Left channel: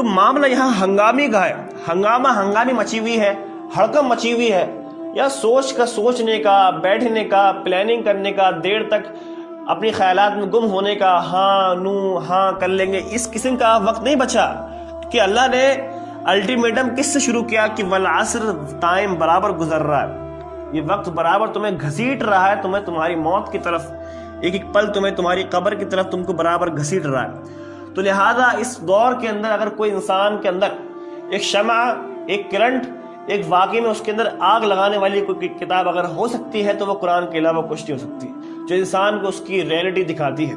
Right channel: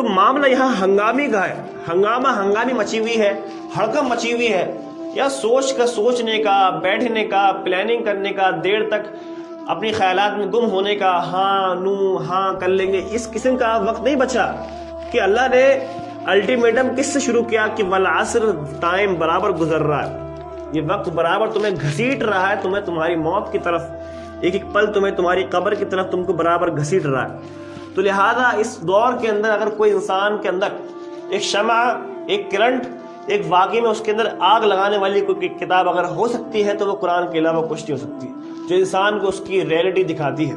تو معاملہ یہاں ہنگامی کا ہے، ہنگامی مچی ہوئی ہے، ہڑکم مچی ہوئی ہے، یا سوچنے کا، بیٹھنے کا، پلاننگ کرنے کا، دیر تک اپنی خیالات میں گم ہونے کا، ہاں کر لیں گے، اس قسم کا وقت نہیں بچا کہ اللہ نے الٹیمیٹم کس سے شروع کیا کہ والعصر، ٹائم برابر گزر رہا ہے، یہ وقت برابر تمہیں گھسیٹ رہا ہے، تمہیں تمہاری موت کی طرف، ایک ایک پل تمہیں تمہاری قبر کی طرف تم کو برابر گھسیٹ رہا ہے۔ تو لہذا اس دور کے اندر اگر کوئی انسان کے اندر ایک شمع، ایک کرنٹ، ایک واقعی میں اس کے اندر آگ لگانے والی کوئی کتاب اگر ہو سکتی ہے تو وہ قرآن کے علاوہ کچھ نہیں ہو سکتی، جو انسان کو اس کی ریئلٹی دکھاتی ہے،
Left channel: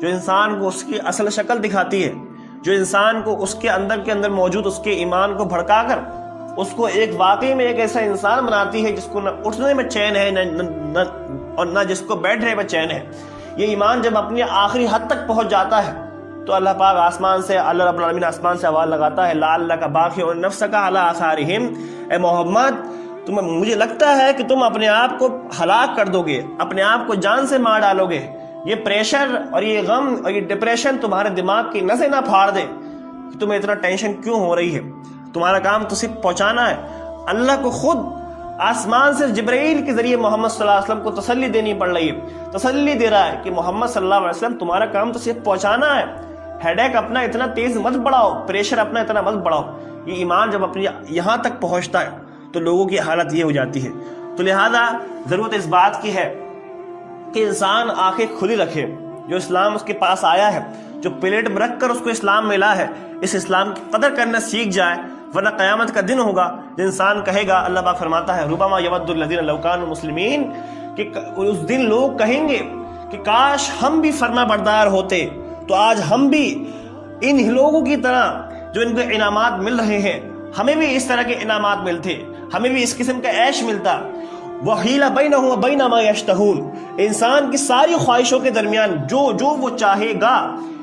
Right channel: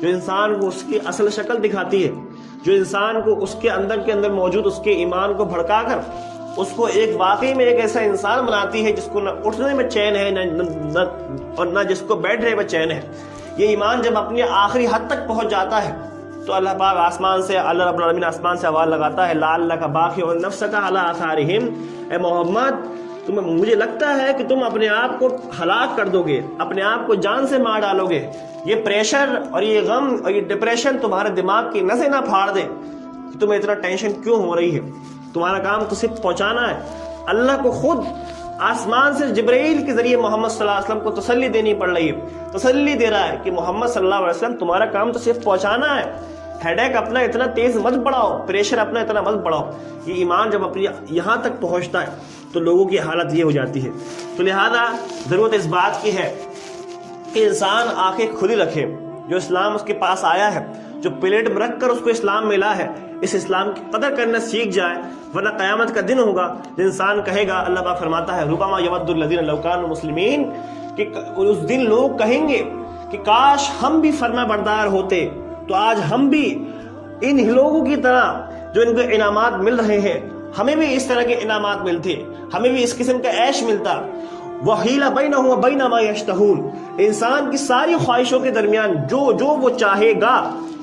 جو انسان کو اس کی اصل شکل دکھاتی ہے، جو انسان کو اس کے اندر موجود اس کے ایمان کو بھڑکا کر اس کو ایک واقعی میں ایک ایسا انسان بناتی ہے جس کو نہ اٹھنے میں چین ہے اور نہ جس کو بیٹھنے میں چین ہے۔ یہ ایمان جب اپنی آخری حد تک پہنچ جاتا ہے تو اللہ پاک آسمان سے، اللہ رب العالمین آسمان سے آواز لگاتا ہے لعلک باخع نفسک علی آثارہم، اے محمد مجھے لگتا ہے کہ تم اپنے آپ کو ہلاک کر دو گے، اپنے آپ کو جان سے مار ڈالو گے، یہ پریشر اور یہ غم اور یہ ڈپریشن تمہارے دماغ کی نسیں نہ پھاڑ دے کہ تمہیں اتنا ٹینشن کیوں ہو رہی ہے، تمہارا کام تو صرف پہنچانا ہے۔ اللہ کو خود آسمان سے جبرائیل کے ذریعے محمد صلی اللہ علیہ وسلم کو تسلی دینی پڑ رہی ہے، تسلی دے رہا ہے کہ محمد صلی اللہ علیہ وسلم تمہارا کام تو صرف پہنچانا ہے، ہیڈیک اپنا اتنا تیز مت بڑھاؤ، پریشر اپنا اتنا مت بڑھاؤ۔ یہ ایمان جب اپنی یہاں تک پہنچتا ہے تو لوگوں کی حالت یہ ہو جاتی ہے۔ تو لہذا ضرورت اس بات کی ہے کہ انسان آنکھیں کھلی رکھے، جو اسلام اس کے پاس آیا ہے، جو پلیٹ میں رکھ کر اس کو اسلام ملا ہے، اس اسلام کی قدر کرنا سیکھ جائے، ورنہ قیامت کا دن ہوگا جو انسان کہے گا، اللہ پاک فرماتا ہے ربما یود الذین لو کانوا مسلمین، کہ اس دن لوگ کہیں گے کہ کاش ہم بھی فرما بردار ہوتے تو آج ہم بھی ان لوگوں کی طرح جو ان کو انعامات مل رہے ہیں، ہمیں بھی اس طرح کے انعامات ملتے، ہمیں بھی اس قسم کا عیش ملتا۔ وَحِیلَ بَیْنَهُمْ وَبَیْنَ مَا یَشْتَہُونَ، انسان کی ساری خواہشوں کے درمیان جو وہ چاہے گا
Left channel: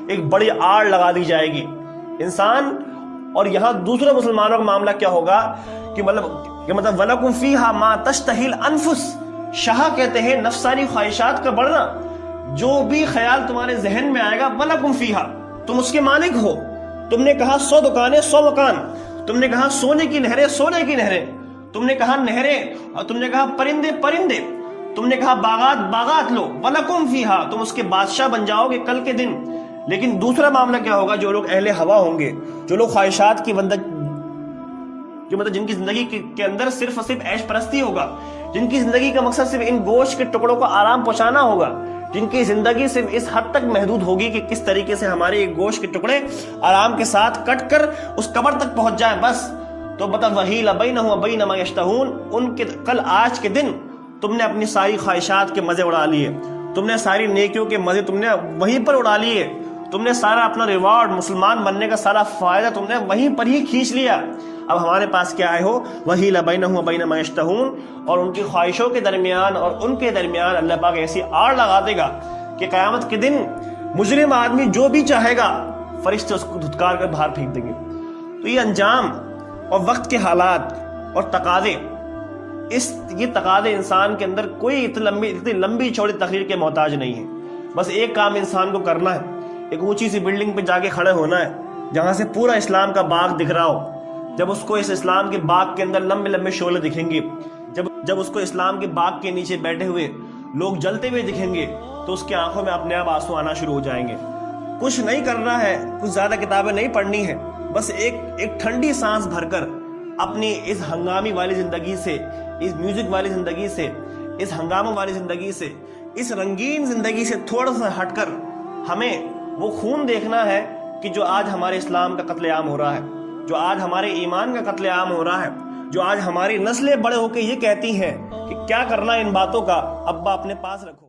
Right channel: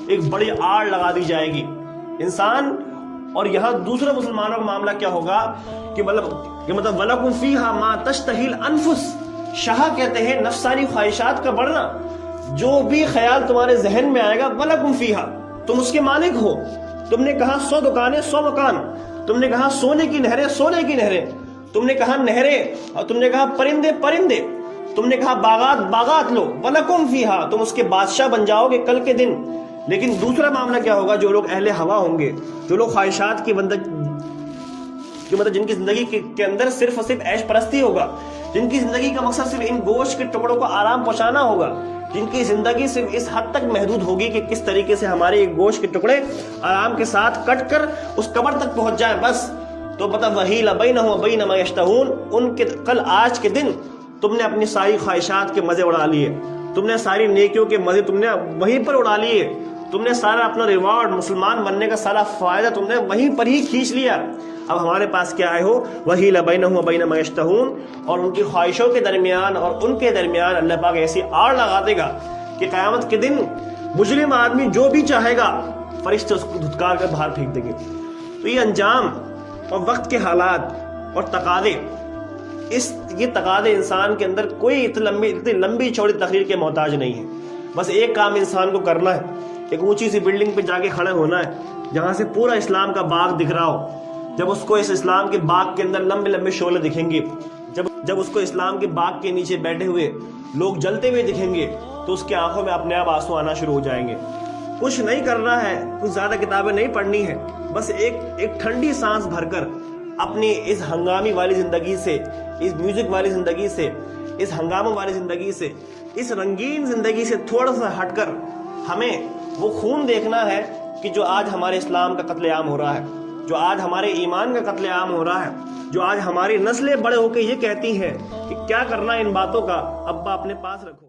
ایک بڑی آڑ لگا دی جائے گی انسان۔ اور یہاں دوسرے مسلمانوں کا معاملہ کیا ہوگا کہ مطلب وَلَکُمْ فِیہَا مَا تَشْتَہِی الْأَنفُسُ، شہا کہتے ہیں نفسانی خواہشات کا بڑھنا، جو بھی خیال تمہارے ذہن میں آئے گا وَلَکُمْ فِیہَا، تم اس کے مالک ہو۔ تم نے کہا 100 دکانیں 100 مکان، تم نے کہا سونے کی نہریں سونے کی نہریں، تم نے کہا نہریں، اور تم نے کہا پرندے پرندے، تم نے کہا باغات باغات لو، وَلَکُمْ فِیہَا، تم اس کے بادشاہ بن جاؤ گے کل کے دن۔ لیکن دوسرا معاملہ کیا ہوگا، جو لوگ اہل ہوا ہوں گے، جو لوگ خواہشات کی جن کی زندگی کے اندر صرف اور صرف عیش پرستی ہوگا، جن کی زندگی کا مقصد صرف ان گوشت کے ٹکڑوں کو آرام پہنچانا ہوگا، جن کی زندگی صرف اس حد تک محدود ہوگی کہ کس طریقے سے ہمارے یہ گوشت کے ٹکڑے آرام کے ساتھ کٹ کر اس قبر تک پہنچ جائے بس، تو مطلب وَحِیلَ بَیْنَهُمْ وَبَیْنَ مَا یَشْتَہُونَ، ان کے کل آج کے دن تم نے اپنی ساری خواہشات کے مزے اڑا لیے، تم نے ساری نیکیوں کے مزے تم نے وہیں پر اڑا لیے، تم نے سارا اپنا ریوارڈ، مسلمان بننے کا سارا فائدہ تم نے وہیں پر ہی کھینچ لیا۔ اب ہمارے پاس کیا آئے ہو، وَحِیلَ بَیْنَهُمْ وَبَیْنَ مَا یَشْتَہُونَ، اور ان کی خواہشوں کے درمیان اور ان کے درمیان اللہ پاک ایسی آڑ لگا دے گا کہ قیامت کے دن مجرم آدمی جو بھی چاہے گا فرشتے اس کو دھتکار کر باہر پھینک دیں گے۔ تو یہ انجام اور وقت کے حالات اور تقاضے، یہ تقاضے انسان کے اندر کوئی اتنی لمبی چوڑی تقریر کے محتاج نہیں ہے، بس ایک کام انسان کو کرنا ہے، ایک اونچی سی بلڈنگ پہ جا کے کھڑے ہونا ہے جہاں سے پورا اسلام کا باغ دکھ رہا ہو۔ جب اس کو اس اسلام کے باغ کے اندر لمبے لمبے شعلے دکھیں گے، جب اس کو اسلام کے باغ کے نیچے بیٹھے ہوئے لوگ جلتے ہوئے دکھیں گے تو اس کی آنکھوں میں اپنے آپ آنسو آنا شروع ہو جائیں گے۔ کچھ نہیں کرنا ہے، کچھ زیادہ کتابیں نہیں پڑھنی ہے، بس ایک ٹھنڈی سانس بھر کر اپنی اس ہنگامی والی زندگی سے، اس میوزک والی زندگی سے، اس ہنگاموں والی زندگی سے، اس رنگین زندگی سے تھوڑا سا ہٹ کر ہمیں وہ خون دیکھنا ہے کہ جو آج ہمارے اسلام کا قتل عام ہو رہا ہے، جو آج ہمارے ایمان کا قتل عام ہو رہا ہے، جو آج ہماری نسلیں بڑے ہو کے یہ کہتی ہیں کہ کیا کرنا ان باتوں کا، ابا اپنے پاس رکھو۔